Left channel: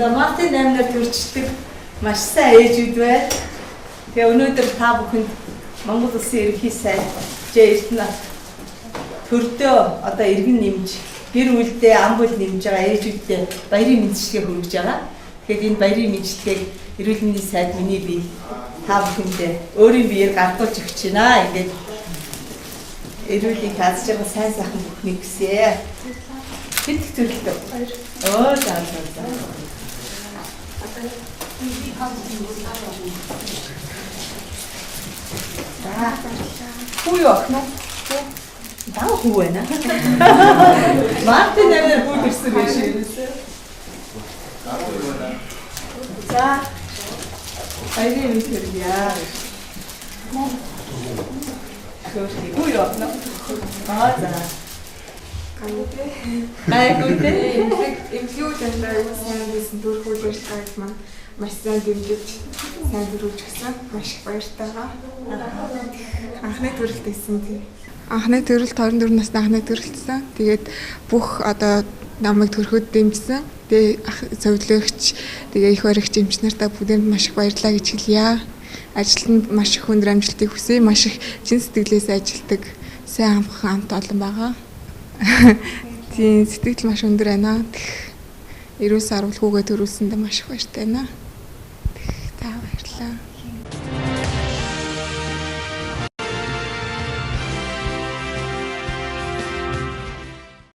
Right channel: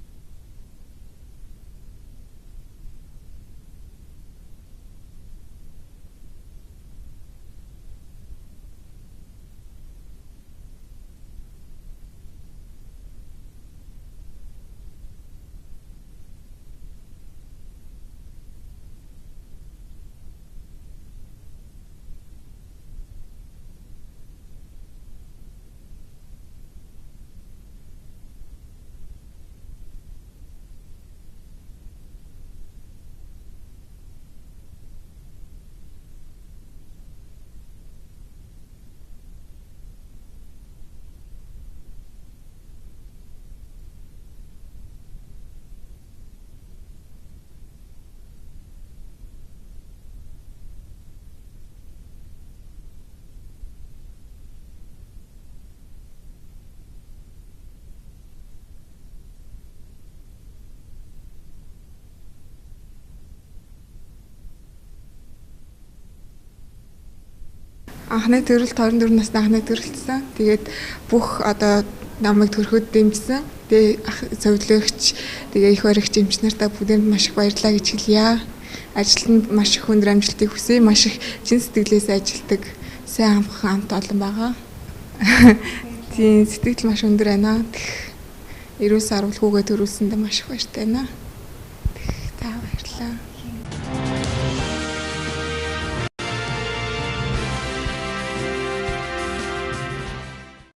За Мартин аймгаар төрчдөг маш сайн ээжүүд байна. Тэгээ өнөөдөр та бүхэнд Монгол Улсын ерөнхий сайд Эрдэнэ төрдөө одоо иргэн нэмж гэр бүлдээ ам бүл нэмж байгаа ээжүүдтэй баярын мэндчилгээ хүргэж байгаа. Тэгэхээр энэ баярын мэндчилгээг эрүүл мэндийн сайд миний бие та бүхэндээ өөрийн биеэр гардуулж өгч байна. Ингээд эрүүлийг хааж байгаа сайн сайхан бүхнийг хүсье. Хэд их зөвлөлтөө. Оо заа. Хүү яах нь? Даа хүү байна. Мартин нэр хүү ирсэн байж юусэн. За. Айрын мэдэрья. Хүү яах нь? Аа за. Гайгүй. Эмхлүүд амдаа сайн байсан төрх үйлчлэгч маань маш сайн дэмжиж сайн дөрвж гисэн маш их баяртай байгаа. Анхны төрөлт хийсэн тийм. Анхны төрөлт 24 насны анхны төрөлтсөн. Тэгээд бүх одоо намайг төрөхөд дэмжсэн. Тэгээд зөвлөгч тэгээд их баригч эмч нартаа бүгдэнд маш их баярлалаа гэж хэлье. Ажилтнанд маш их өндөр амжилтыг хүсье. Маш их чин сэтгэлээс ажилтдаг сайн амхан амт олон байгаа. Тийм сэтгэл маш өндөр байна. Эрүүл сарвал хүүгээ төрүүлсэндээ маш их баяртай байна. Та баярлалаа.